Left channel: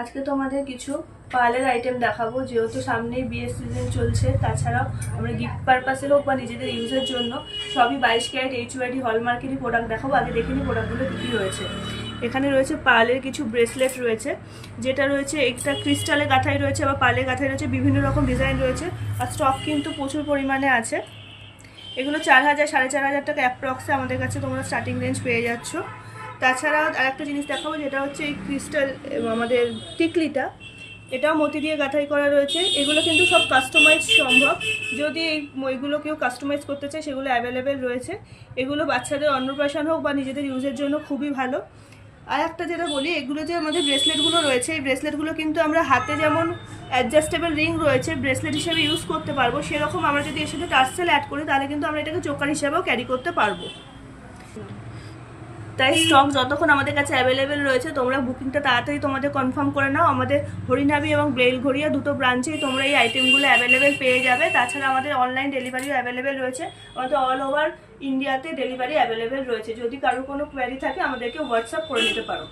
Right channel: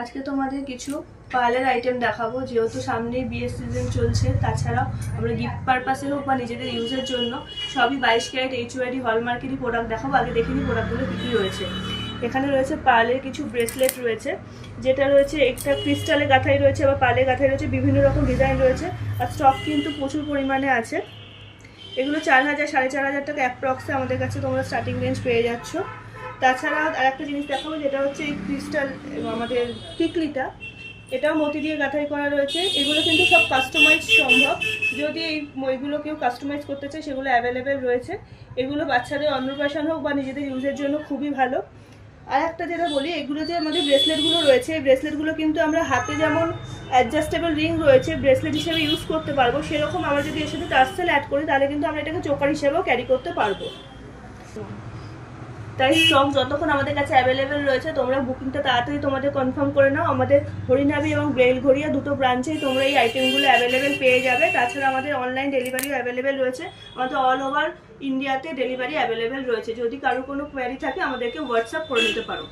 আজকে তোমাদের কিছু পার্লার আইটেম দেখাবো, যেহেতু সামনেই বিয়ের সিজন চলছে। তাছাড়াও আমরা গিফট পারপাসে হোক বা নিজেদের ইউজের জন্য সবই 22 ক্যারেট HUID হলমার্কেরই প্রোডাক্ট দেখাবো। আগে দেখে নিই প্রোডাক্টগুলো কী কী রয়েছে। এখানে রয়েছে পার্লের কিছু ব্রেসলেট রয়েছে, যেটা রয়েছে একটা ক্রিস্টালে গাঁথাই রয়েছে, আবার পার্লের গাঁথাই রয়েছে, বিভিন্ন রকম ডিজাইন রয়েছে। আর স্টক কিন্তু প্রচুর পরিমাণে আছে। এগুলো 4000 4500 টাকা অ্যাপ্রক্সে আমাদের কাছে তোমরা স্টার্টিং রেঞ্জ পেয়ে যাচ্ছ। তাছাড়াও আরেকটা জিনিস দেখাবো, যেটা হচ্ছে এই ক্রিস্টাল আমাদের টিকলিটা, এটাও মতি দিয়ে গাঁথাই করা রয়েছে। এগুলো কিন্তু সব কাস্টমাইজ সম্ভব, যদি এইগুলো কেউ কাস্টমাইজ করতে চায় সেগুলো অ্যাভেলেবেল রয়েছে। এগুলো বাচ্চাদের অন্নপ্রাশন হোক বা নিজেদের ইউজের জন্য খুবই ভালো। আর একটা যেটা বলি, এগুলো যে আমাদের ব্রেসলেটগুলো রয়েছে, এই ব্রেসলেটগুলো কিন্তু আমরা হাতে যেমন অ্যাডজাস্টেবল রিং রয়েছে ব্রেসলেট হিসেবে ইউজ করতে পারবো, সেরকম আমরা যদি এর সাথে টার্সেল অ্যাড করি তাহলে কিন্তু আমরা এটাকে চোকার হিসেবেও ক্যারি করতে পারবো। তাই স্টক যতক্ষণ আমাদের কাছে অ্যাভেলেবেল রয়েছে তোমরা বুকিংটা তাড়াতাড়ি তোমাদের কনফার্ম করে নাও। আমাদের হরিনাবি এবং বেলঘরিয়া দুটো ব্রাঞ্চেই তোমরা এই আইটেমগুলো অ্যাভেলেবেল পেয়ে যাবে। তাছাড়া আমাদের অনলাইন ডেলিভারিও অ্যাভেলেবেল রয়েছে, আমাদের অল ওভার ইন্ডিয়াতে ডেলিভারি অ্যাভেলেবেল রয়েছে। যদি কারো কোনো কোয়ারি থাকে আমাদেরকে হোয়াটসঅ্যাপ করে নিতে পারো।